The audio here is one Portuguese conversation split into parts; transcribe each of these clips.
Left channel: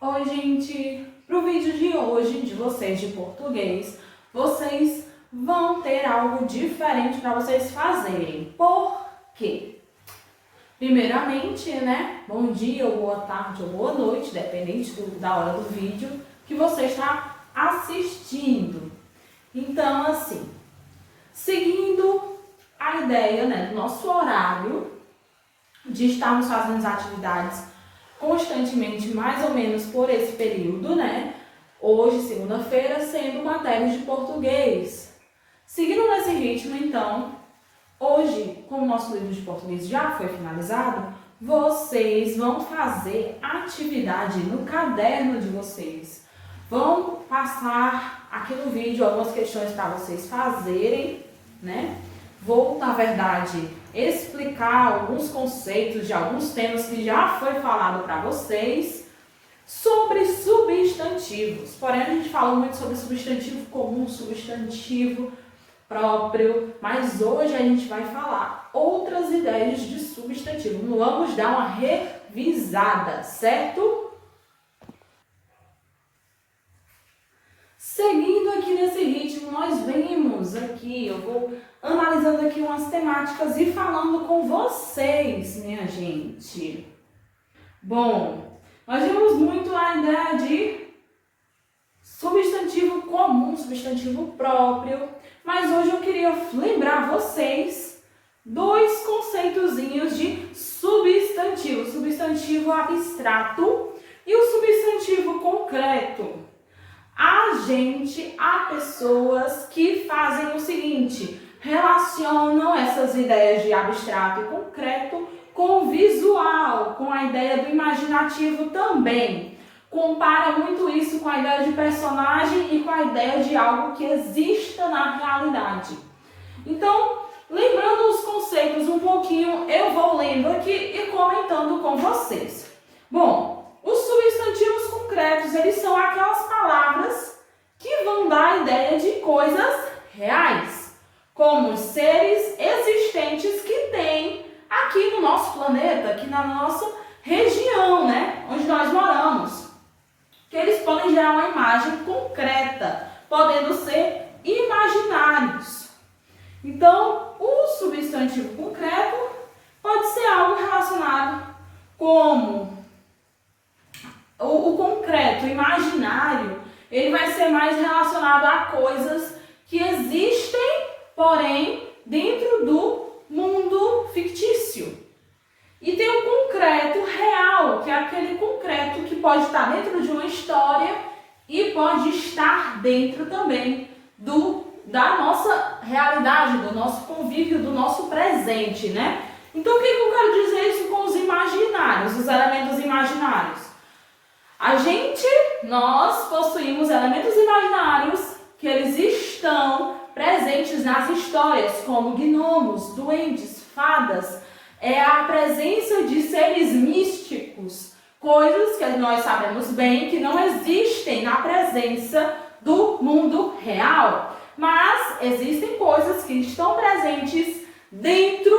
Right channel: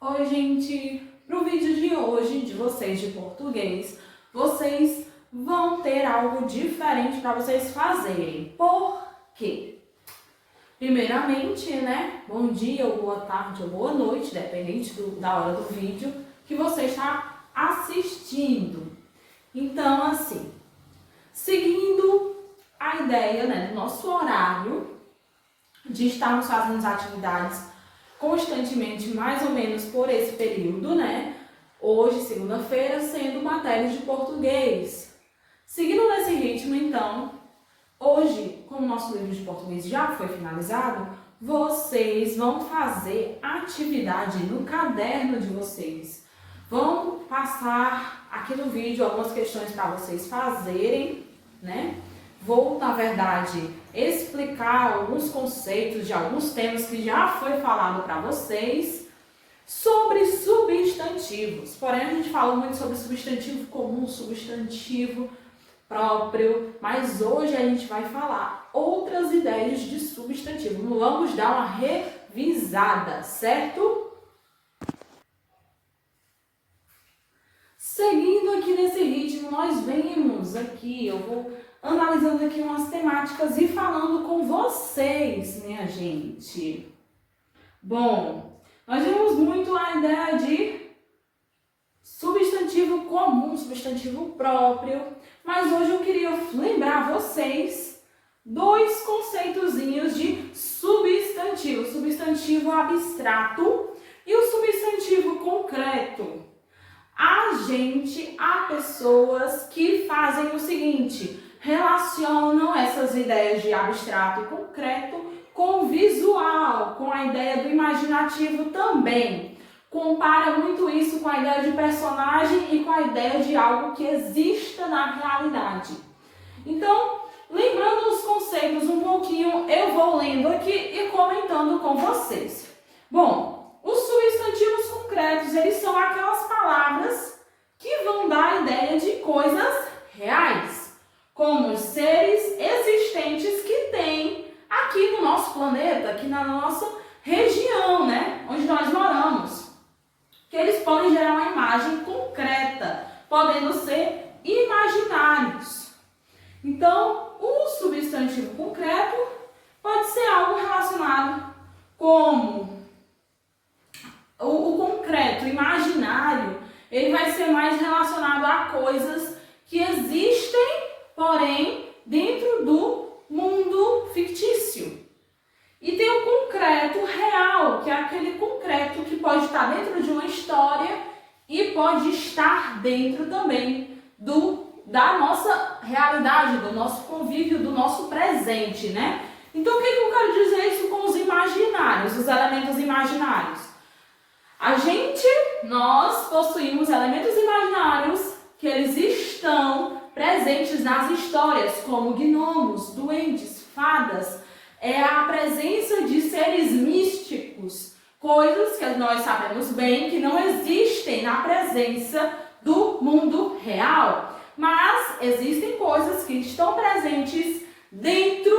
Oi, gente! Para o vídeo de hoje de vocês de português, vocês vão ter algo diferente para vocês fazerem. Por quê? Primeiramente, né? Bom dia, ou boa tarde, ou boa noite, dependente da hora do vídeo que você está assistindo. Então, assim, seguindo a ideia, né, do nosso horário de estarmos fazendo as atividades constantemente, mais ou menos por esse período, né? Hoje, segunda-feira, sendo matéria de português. Seguindo nesse ritmo, então, hoje, como o nosso livro de português já foi finalizado, vocês vão fazer atividade no caderno de vocês. Vão passar aqui no vídeo algumas questões para vocês fazerem, né? Vou, na verdade, explicar alguns conceitos de alguns temas que já foi falado para vocês sobre substantivos. Porém, a gente falou muito sobre substantivo comum, substantivo próprio, mas hoje a gente vai falar outras ideias de substantivo. Vamos dar uma revisada, certo? Seguindo aqui nesse ritmo, nós vemos aqui, eu vou analisando aqui umas temáticas e falando com vocês, minha gente. Bom, nós vemos muito a ideia de substantivo comum, substantivo próprio, mas hoje eu queria lembrar vocês dois conceitozinhos de substantivo, substantivo abstrato e o substantivo concreto. Há pessoas que fazem o seguinte, relacionam essas ideias de abstrato e concreto com o visual, com a ideia do imaginativo também. Compara muito isso com a ideia de personagem e com a ideia de algo que exista na realidade. Então, lembrando os conceitos um pouquinho, eu vou lendo aqui e comentando com vocês. Bom, os substantivos concretos, eles são aquelas palavras que vão dar a ideia de coisas reais, como os seres existentes que tem aqui no nosso planeta, aqui na nossa região, né, onde nós moramos. Que eles podem gerar uma imagem concreta, podendo ser imaginários. Então, o substantivo concreto pode ser algo relacionado como o concreto, o imaginário, ele vai ser mais relacionado a coisas que existem, porém, dentro do mundo fictício. E tem o concreto real, que é aquele concreto que pode estar dentro de uma história e pode estar dentro também da nossa realidade, do nosso convívio, do nosso presente, né? Então, o que eu quero dizer isso com os imaginários, os elementos imaginários? Nós possuímos elementos imaginários que eles estão presentes nas histórias, como gnomos, duendes, fadas. É a presença de seres místicos, coisas que nós sabemos bem que não existem na presença do mundo real. Mas existem coisas que estão presentes dentro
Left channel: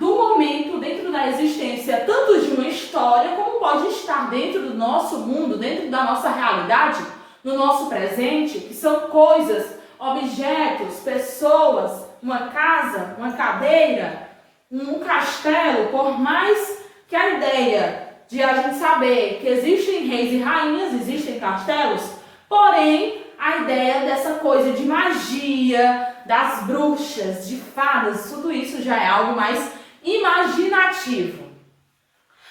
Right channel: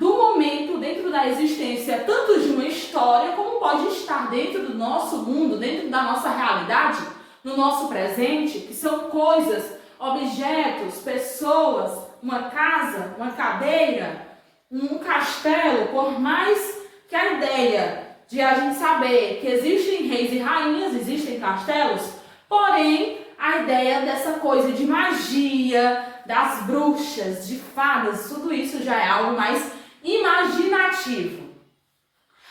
do momento, dentro da existência, tanto de uma história, como pode estar dentro do nosso mundo, dentro da nossa realidade, no nosso presente, que são coisas, objetos, pessoas, uma casa, uma cadeira, um castelo. Por mais que a ideia de a gente saber que existem reis e rainhas, existem castelos, porém, a ideia dessa coisa de magia, das bruxas, de fadas, tudo isso já é algo mais imaginativo.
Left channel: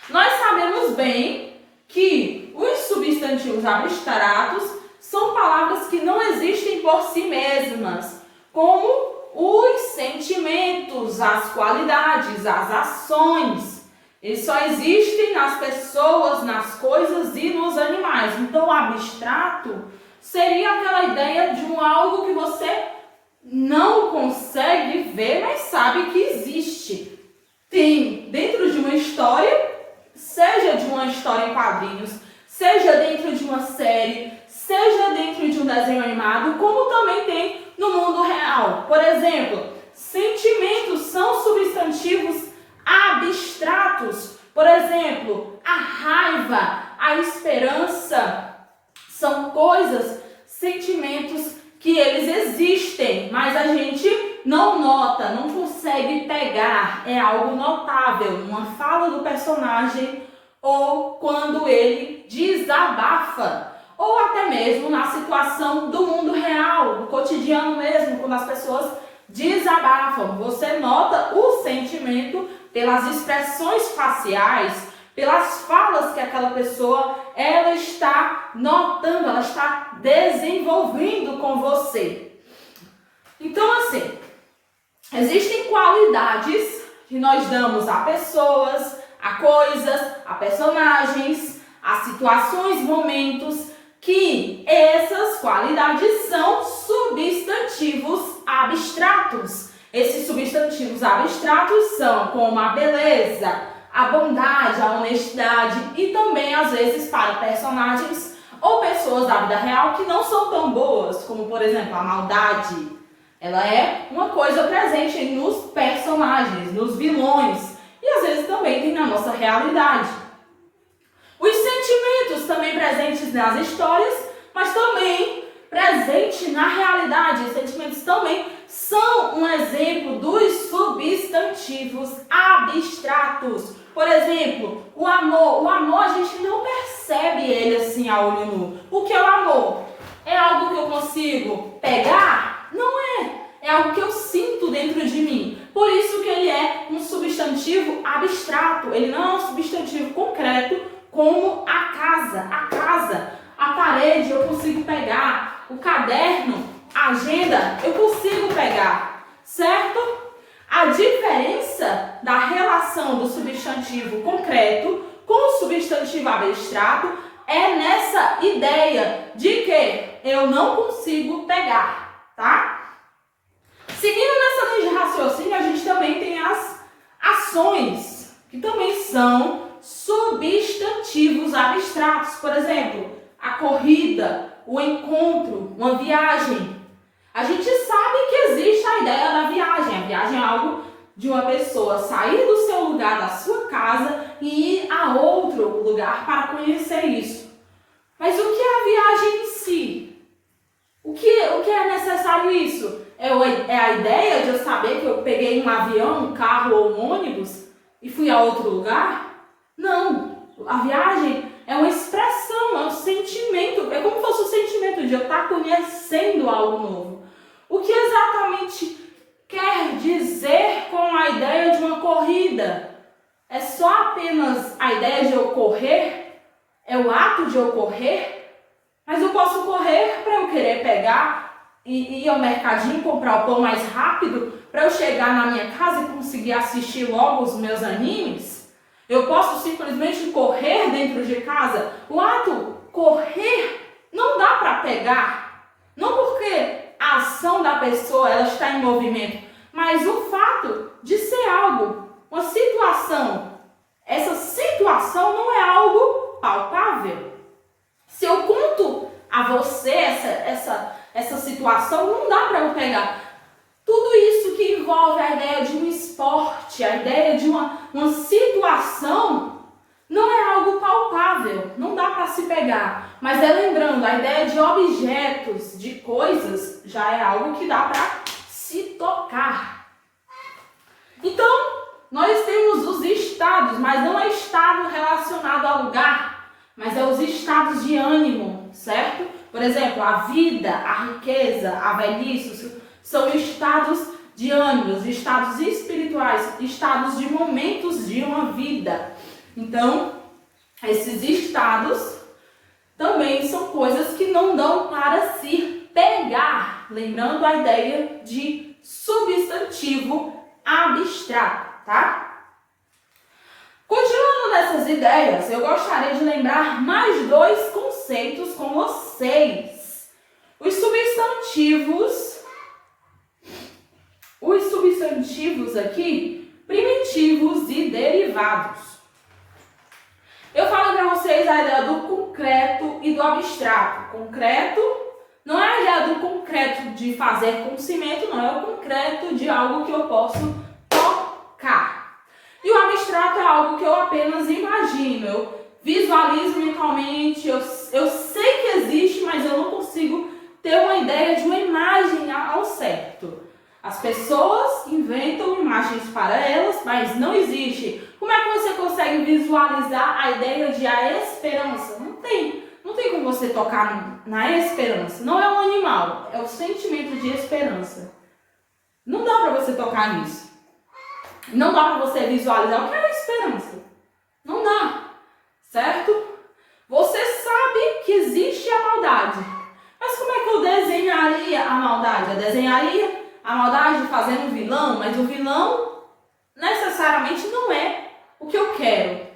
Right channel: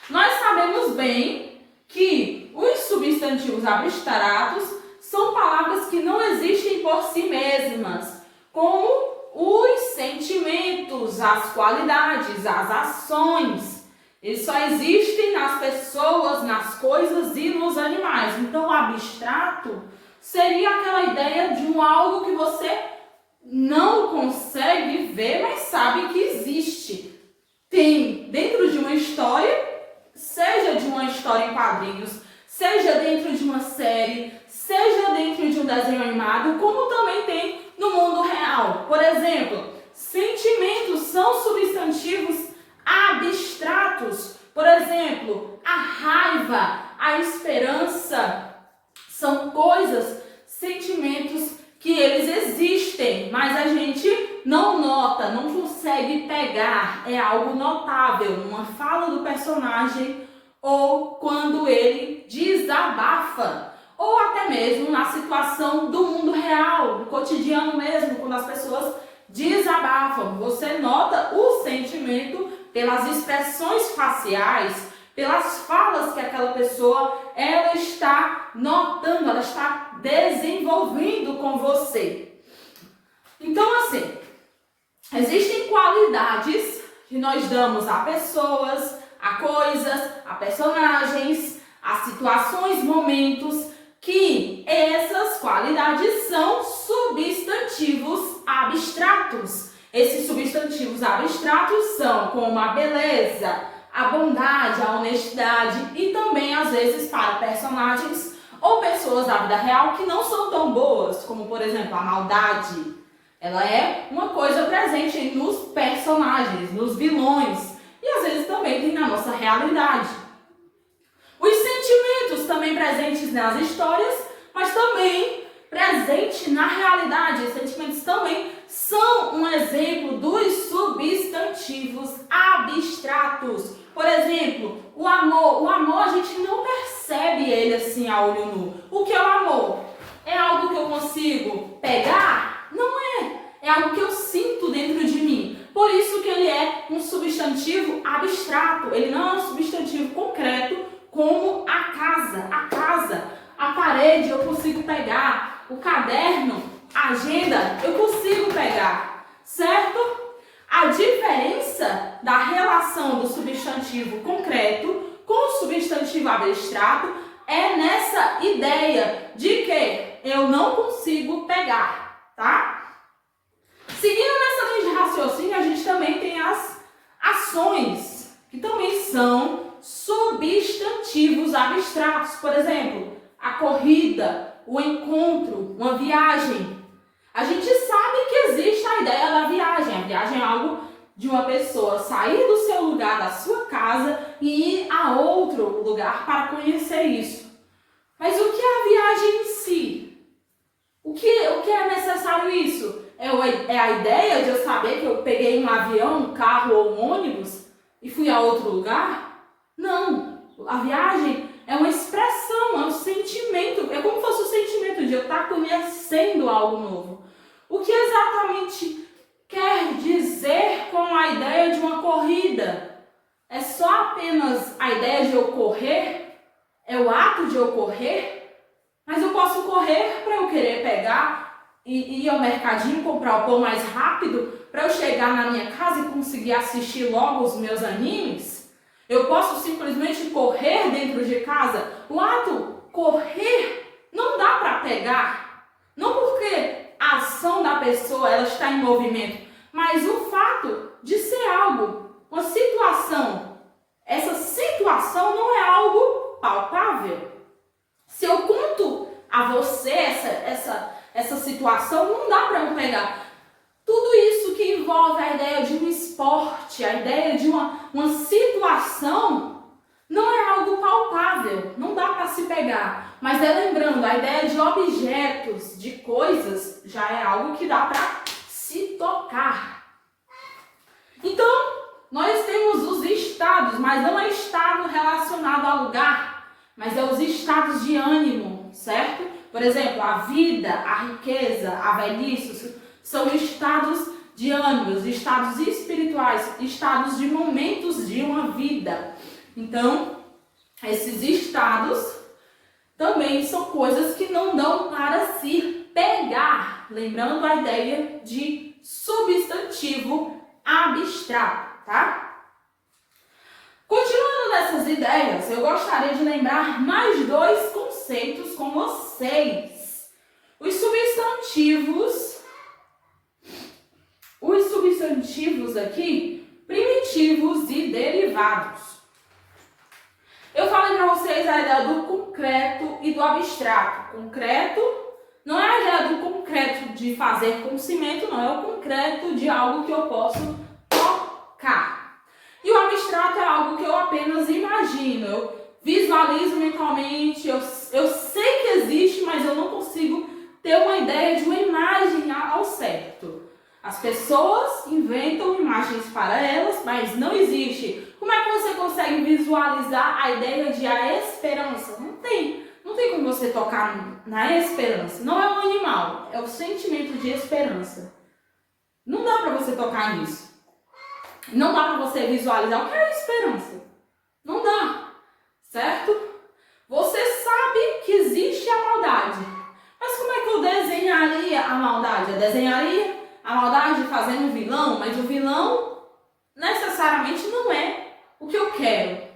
Nós sabemos bem que os substantivos abstratos são palavras que não existem por si mesmas, como os sentimentos, as qualidades, as ações. Eles só existem nas pessoas, nas coisas e nos animais. Então, o abstrato seria aquela ideia de algo que você não consegue ver, mas sabe que existe. Tem dentro de uma história, seja de uma história em quadrinhos, seja dentro de uma série, seja dentro de um desenho animado, como também tem no mundo real. Por exemplo, sentimentos são substantivos abstratos. Por exemplo, a raiva, a esperança são coisas, sentimentos que eles existem, mas a gente não nota, não consegue pegar. É algo notável numa fala do personagem ou quando ele desabafa, ou até mesmo na situação do mundo real, no cotidiano mesmo, quando as pessoas desabafam. Você nota o sentimento pelas expressões faciais, pelas falas que aquela pessoa ela está notando, ela está desenvolvendo com você. Então, assim, existem qualidades que nós damos a pessoas, a coisas, a personagens, a situações, momentos, que essas qualidades são substantivos abstratos. Esses substantivos abstratos são como a beleza, a bondade, a honestidade e também, às vezes, para personagens ou pessoas da vida real que não são tão boas, como, por exemplo, a maldade. Ela é uma coisa presente nos personagens, nos vilões e, às vezes, também tem na nossa realidade. Os sentimentos também presentes nas histórias, mas também presente na realidade. Os sentimentos também são um exemplo dos substantivos abstratos. Por exemplo, o amor. O amor a gente não percebe ele assim a olho nu. O que é o amor? É algo que eu consigo pegar? Não é. É algo que eu sinto dentro de mim. Por isso que ele é um substantivo abstrato. Ele não é um substantivo concreto como a casa, a parede eu consigo pegar, o caderno, a agenda eu consigo pegar, certo? A diferença da relação do substantivo concreto com o substantivo abstrato é nessa ideia de que eu não consigo pegar, tá? Seguindo nessa linha de raciocínio, a gente também tem as ações, que também são substantivos abstratos. Por exemplo, a corrida, o encontro, uma viagem. A gente sabe que existe a ideia da viagem. A viagem é algo de uma pessoa sair do seu lugar, da sua casa e ir a outro lugar para conhecer isso. Mas o que é a viagem em si? O que é necessário isso? É a ideia de eu saber que eu peguei um avião, um carro ou um ônibus e fui a outro lugar? Não, a viagem é uma expressão, é um sentimento, é como se fosse o sentimento de eu estar conhecendo algo novo. O que exatamente quer dizer com a ideia de uma corrida? É só apenas a ideia de eu correr? É o ato de eu correr? Mas eu posso correr para eu querer pegar e ir ao mercadinho comprar o pão mais rápido para eu chegar na minha casa e conseguir assistir logo os meus animes? Eu posso simplesmente correr dentro de casa? O ato correr não dá para pegar. Não porque a ação da pessoa ela está em movimento, mas o fato de ser algo, uma situação. Essa situação não é algo palpável. Se eu conto a você essa situação, não dá para eu pegar. Tudo isso que envolve a ideia de um esporte, a ideia de uma situação, não é algo palpável, não dá para se pegar. Mas lembrando, a ideia de objetos, de coisas, já é algo que dá para se tocar. Então, nós temos os estados, mas não é estado relacionado ao lugar, mas é os estados de ânimo, certo? Por exemplo, a vida, a riqueza, a velhice, são estados de ânimos, estados espirituais, estados de momentos de uma vida. Então, esses estados também são coisas que não dão para se pegar. Lembrando a ideia de substantivo abstrato, tá? Continuando nessas ideias, eu gostaria de lembrar mais dois conceitos com vocês. Os substantivos aqui, primitivos e derivados. Eu falei para vocês a ideia do concreto e do abstrato. Concreto não é a ideia do concreto de fazer com cimento, não. É o concreto de algo que eu posso tocar. E o abstrato é algo que eu apenas imagino, eu visualizo mentalmente, eu sei que existe, mas eu não consigo ter uma ideia de uma imagem ao certo. As pessoas inventam imagens para elas, mas não existe. Como é que você consegue visualizar a ideia de a esperança? Não tem como você tocar na esperança. Não é um animal, é o sentimento de esperança. Não dá para você tocar nisso. Não dá para você visualizar o que é a esperança. Não dá, certo? Você sabe que existe a maldade. Mas como é que eu desenharia a maldade? Eu desenharia a maldade fazendo um vilão, mas o vilão necessariamente não é o que eu quero.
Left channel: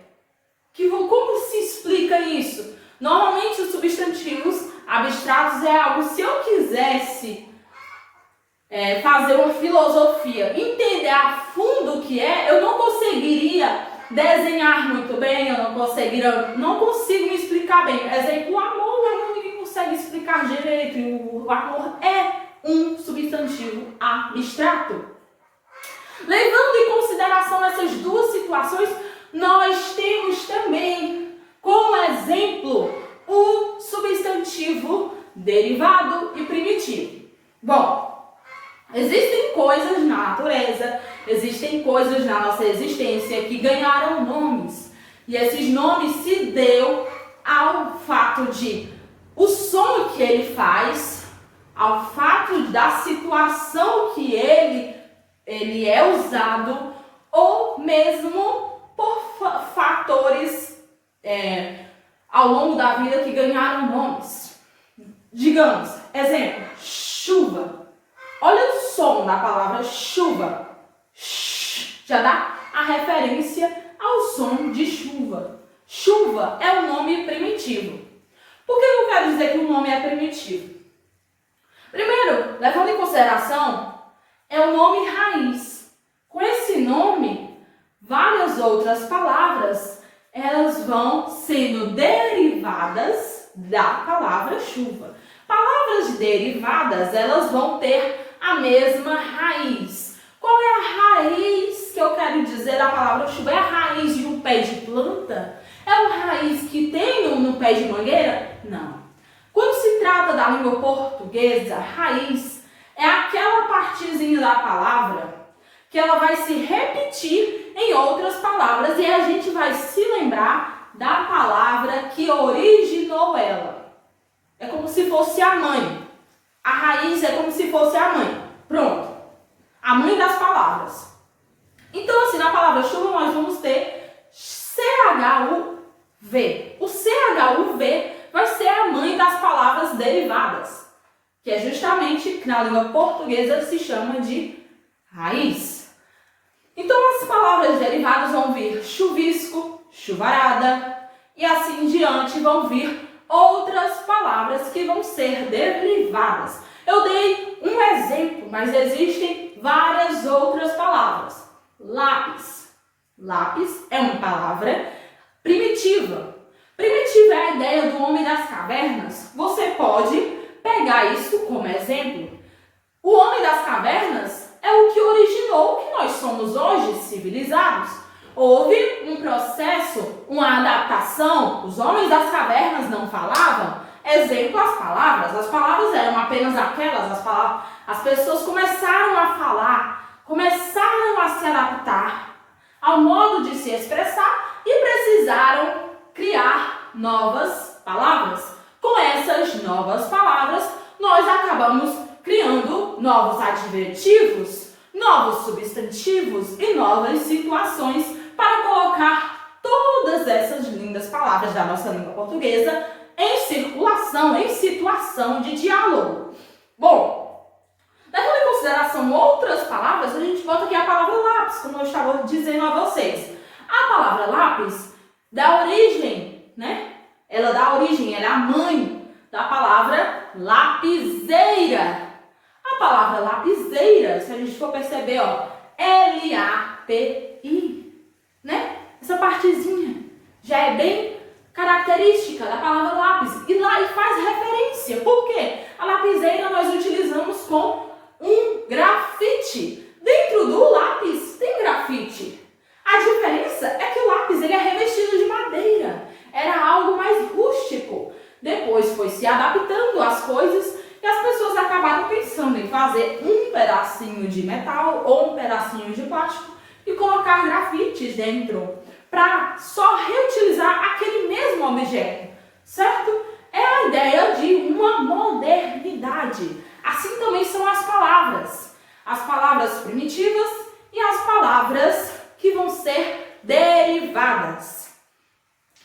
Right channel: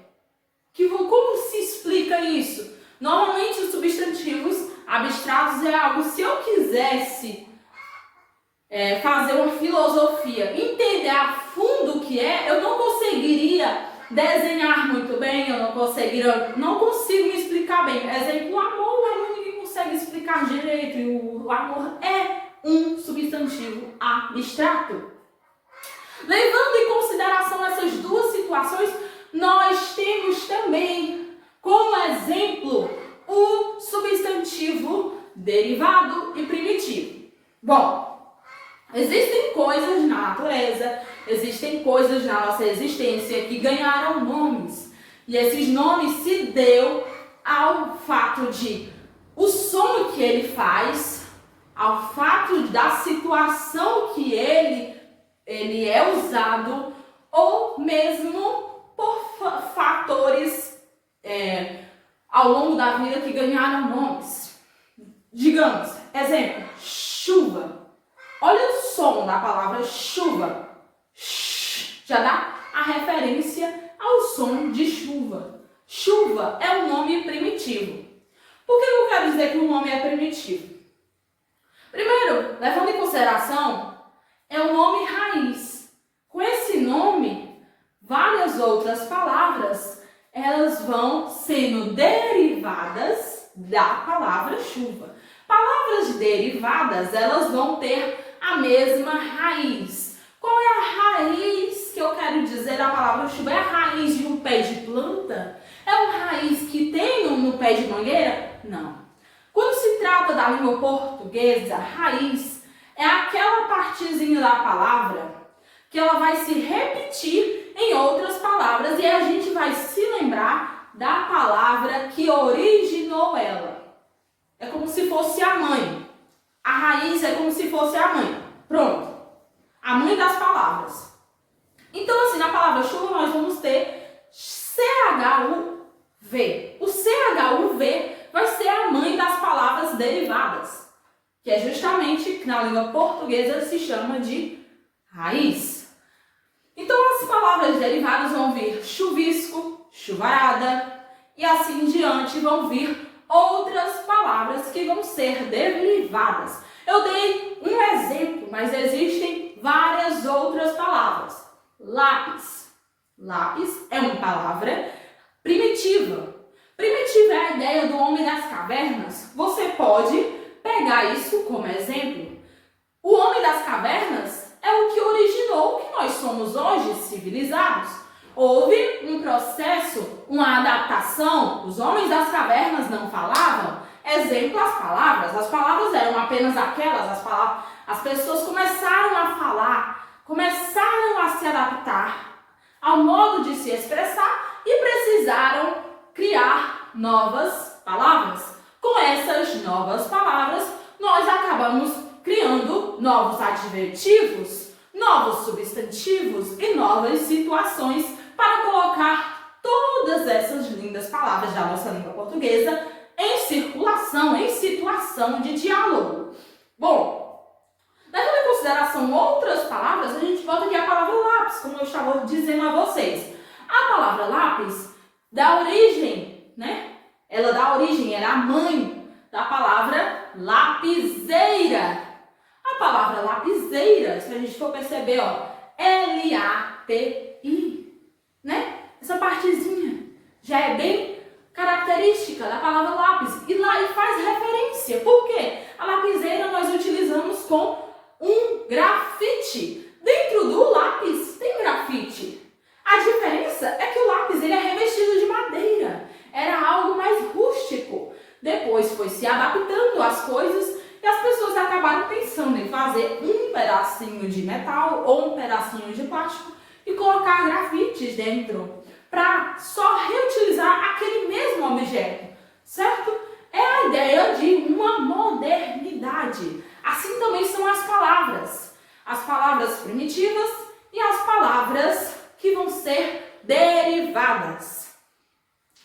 Como se explica isso? Normalmente os substantivos abstratos é algo, se eu quisesse fazer uma filosofia, entender a fundo o que é, eu não conseguiria desenhar muito bem, eu não consigo me explicar bem. Exemplo, o amor ninguém consegue explicar direito, e o amor é um substantivo abstrato. Levando em consideração essas duas situações, nós temos também como exemplo o substantivo derivado e primitivo. Bom, existem coisas na natureza, existem coisas na nossa existência que ganharam nomes. E esses nomes se deu ao fato de o som que ele faz, ao fato da situação que ele é usado, ou mesmo por fatores ao longo da vida que ganharam nomes. Digamos, exemplo, chuva. Olha o som da palavra chuva. Já dá a referência ao som de chuva. Chuva é um nome primitivo. Por que eu quero dizer que o nome é primitivo? Primeiro, levando em consideração, é o nome raiz. Com esse nome, várias outras palavras, elas vão sendo derivadas da palavra chuva. Palavras derivadas, elas vão ter a mesma raiz. Qual é a raiz que eu quero dizer da palavra chuva? É a raiz de um pé de planta? É uma raiz que tem no pé de mangueira? Não. Quando se trata da língua portuguesa, raiz é aquela partezinha da palavra que ela vai se repetir em outras palavras e a gente vai se lembrar da palavra que originou ela. É como se fosse a mãe. A raiz é como se fosse a mãe. Pronto. A mãe das palavras. Então, assim, na palavra chuva nós vamos ter CHUV. O CHUV vai ser a mãe das palavras derivadas, que é justamente, que na língua portuguesa se chama de raiz. Então, as palavras derivadas vão vir chuvisco, chuvarada, e assim em diante vão vir outras palavras que vão ser derivadas. Eu dei um exemplo, mas existem várias outras palavras. Lápis. Lápis é uma palavra primitiva. Primitiva é a ideia do homem das cavernas. Você pode pegar isso como exemplo. O homem das cavernas é o que originou o que nós somos hoje, civilizados. Houve um processo, uma adaptação. Os homens das cavernas não falavam. Exemplo, as palavras eram apenas aquelas, as pessoas começaram a falar, começaram a se adaptar ao modo de se expressar e precisaram criar novas palavras. Com essas novas palavras, nós acabamos criando novos adjetivos, novos substantivos e novas situações para colocar todas essas lindas palavras da nossa língua portuguesa em circulação, em situação de diálogo. Bom, levando em consideração outras palavras, a gente volta aqui à palavra lápis, como eu estava dizendo a vocês. A palavra lápis dá origem, ela é a mãe da palavra lapiseira. A palavra lapiseira, se a gente for perceber, L-A-P-I, Essa partezinha já é bem característica da palavra lápis e lá faz referência. Por quê? A lapiseira nós utilizamos com um grafite. Dentro do lápis tem grafite. A depois foi se adaptando às coisas e as pessoas acabaram pensando em fazer um pedacinho de metal ou um pedacinho de plástico e colocar grafites dentro para só reutilizar aquele mesmo objeto, certo? É a ideia de uma modernidade. Assim também são as palavras primitivas e as palavras que vão ser derivadas.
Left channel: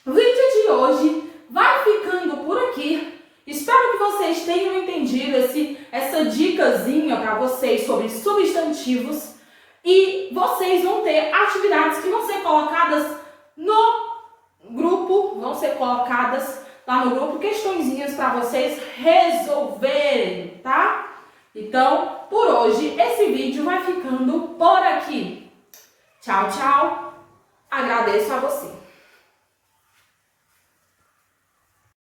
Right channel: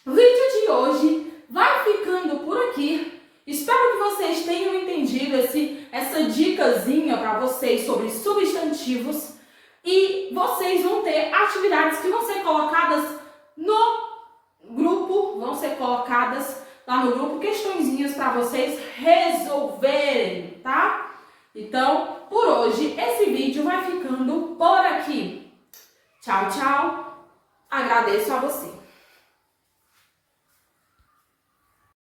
O vídeo de hoje vai ficando por aqui. Espero que vocês tenham entendido essa dicasinha para vocês sobre substantivos e vocês vão ter atividades que vão ser colocadas no grupo, lá no grupo, questõezinhas para vocês resolverem, tá? Então, por hoje, esse vídeo vai ficando por aqui. Tchau, tchau. Agradeço a você.